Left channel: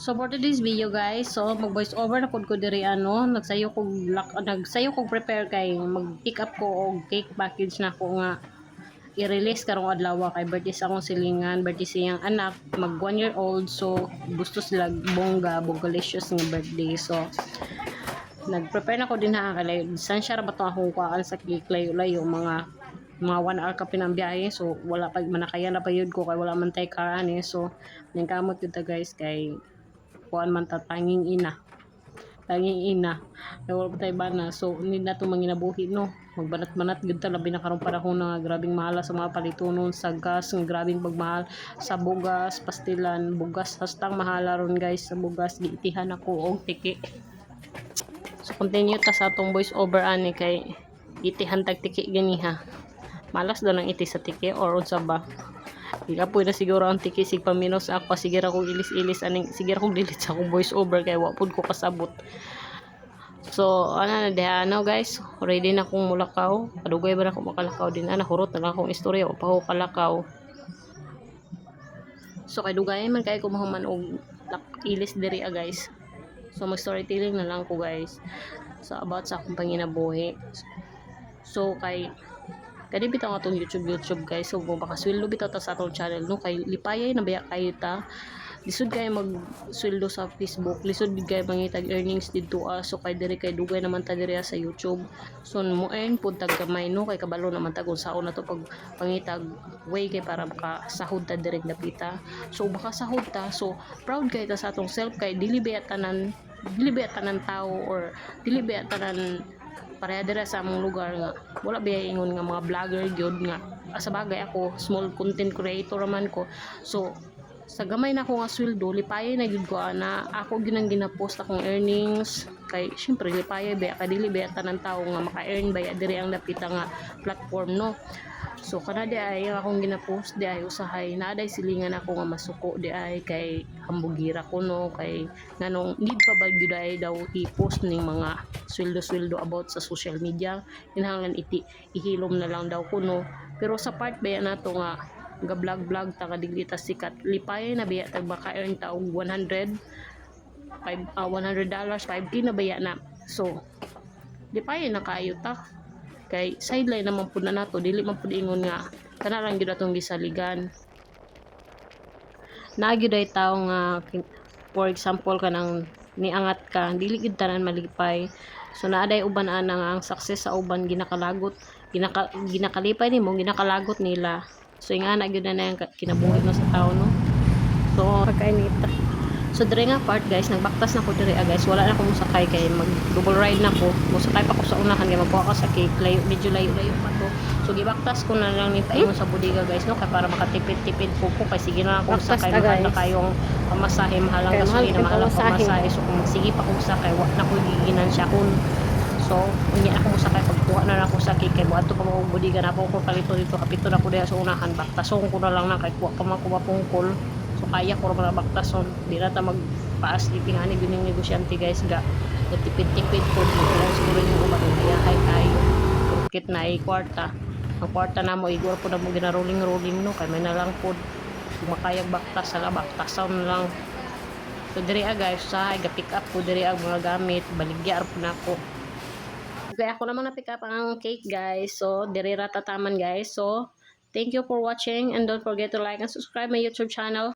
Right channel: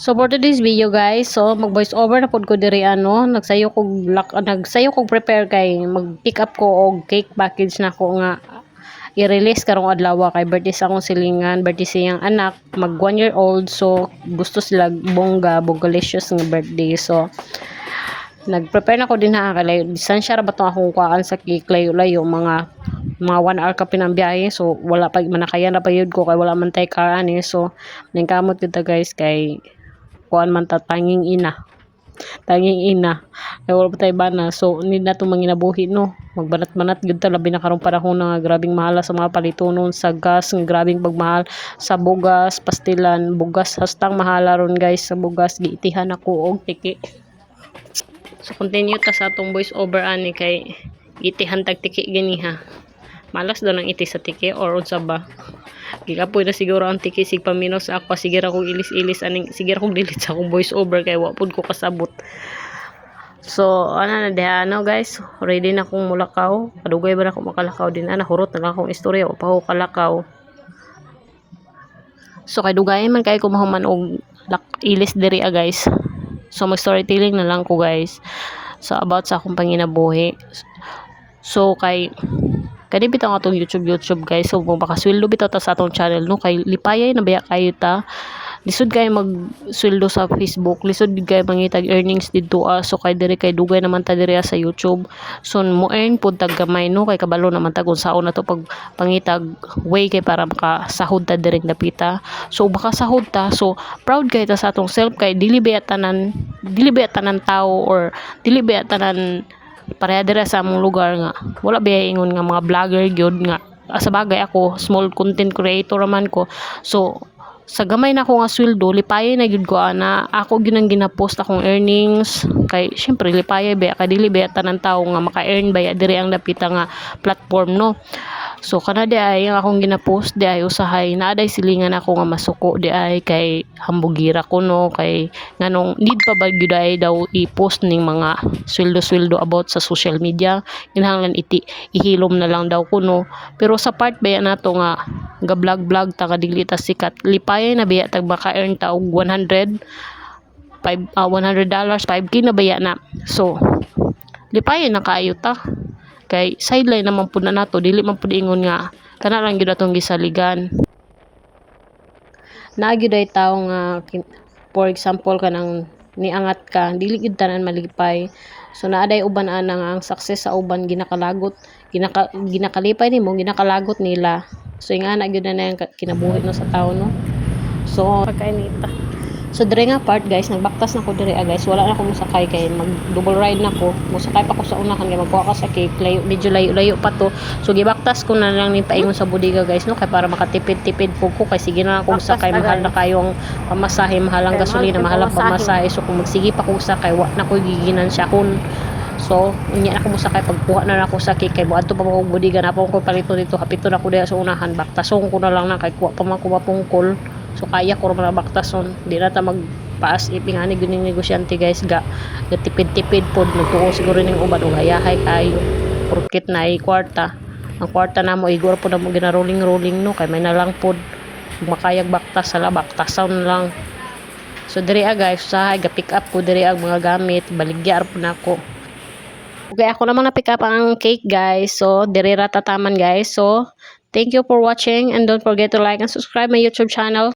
So for today's video guys, so mag voice over na pod ko diri nagsayo kog prepare kay mag-pick up ko og cake package na ko nga i-release karong adlaw kay birthday sa akong silingan, birthday siyang anak, mag 1 year old, so gusto sila bongalicious nga birthday. So nag-prepare na ko din ha kay distansya ra ba tong akong kuan sa cake, layo-layo mga 1 hour ka pinambiyahe, so wala pa manakayan na payud ko kay wala man tay car ani. So ningkamot kita guys kay kuan man ta tanging ina kay wala pa tay bana, so need na itong manginabuhi no, magbanat-banat gud ta labi na karong panahon na grabing mahal sa mga palitonon sa gas, nga grabing pagmahal sa bugas, pastilan, bugas hastang mahala ron guys sa bugas. Giitihan ako og tiki, so continue ta sa atong voice over ani kay itihan tag tiki gini ha. Malas daw nang iti sa tiki or unsa ba, gigapoy na siguro ang tiki sig paminos ako, sige ra kong ilis-ilis aning, sige ra kong delete sa akong voice over kay wa pud ko kasabot. So ana na diha ano guys, ready na akong mulakaw, kadugay ba na ako makalakaw din ana, hurot na lang akong istorya o pa ako kalakaw. So kay dugay man kay ko mahuman og ilis diri guys, so mag storytelling na lang ko guys, so about sa akong panginabuhi. So kay kani bitaw atong YouTube guys, so makasweldo bitaw ta sa atong channel no, kay lipayay na baya kayo ta, lisod kay magsweldo sa Facebook, lisod kay mangitag earnings didto so kay diri kay dugay naman ta diri sa YouTube, so mo earn pud tag gamay no, kay kabalo naman ta kung saon na to pag pangitag way kay para makasahod ta diri dapita. So baka sahod ta, so proud kay ta sa atong self kay dili baya tanan tao or dili baya tanan pareha dira sa among lugar nga wala ba ingon nga mga vlogger gyud nga sa bagay ako small content creator man ko. So sa gamay na ko nga sweldo lipayay na gyud ko ana ako gyud ang ginapost akong earnings, kay syempre lipayay ba kay dili ba tanan tawo nga maka-earn baya diri ang dapita nga platform no. So kana di ay ang akong ginapost di ay usahay naaday silingan ako nga masuko di ay kay hambugira ko no, kay nganong need pa ba gyud ay daw i-post ning mga sweldo about sa social media, kinahanglan ihilom na lang daw ko no. Pero sa part baya nato nga ga-vlog ta kadili ta sikat, lipayay na baya tag maka-earn ta og $100 5K na baya na. So lipayay na kaayo ta kay sideline naman pud na nato, dili man pud ingon nga kana lang gyud atong gisaligan. Naa gyud ay tawo nga for example kanang niangat ka dili gyud tanan malipay, so naaday uban ana nga ang success sa uban ginakalagot ginakalipay nimo ginakalagot nila. So ingana gyud na yung kinabuhi no sa tawo no. So pagkainita, so dire nga part guys nagbaktas na ko dire guys, wala na ko mosakay kay mag double ride na ko, mosakay pa ko sa unahan kay magkuha ka sa cake, medyo layo pa to. So gibaktas ko na lang ni paingon sa bodega guys no, kay para makatipid ko kay sige na ako sakay, mahal na kayo ang pamasahe, mahal ang gasolina, mahal ang pamasahe. So kung magsige pa ko sakay wa na ko giginan siya kun. So unya ako mosakay pagkuha na ako sa cake kay buadto pa mo bodega na ako palito dito kapito na ko diha sa unahan, baktason ko na lang na kay kuha pa man ko mapungkol. So kaya ko ra baktason, di na ta magpaas ipingani gyud ning negosyante guys, ga tipid-tipid pod nagtuo siguro ning uban og hayahay kayo porket na ay kwarta, ang kwarta namo igor pod mo gina rolling no, kay may nalang pod makayag baktas sala baktason lang. So diri guys sa ga pick up ko diri ang mga gamit, baligya po na ako. Okay, ako namang na pick up ang cake guys, so diri ra tataman guys. So thank you for watching and don't forget to like and subscribe my YouTube channel.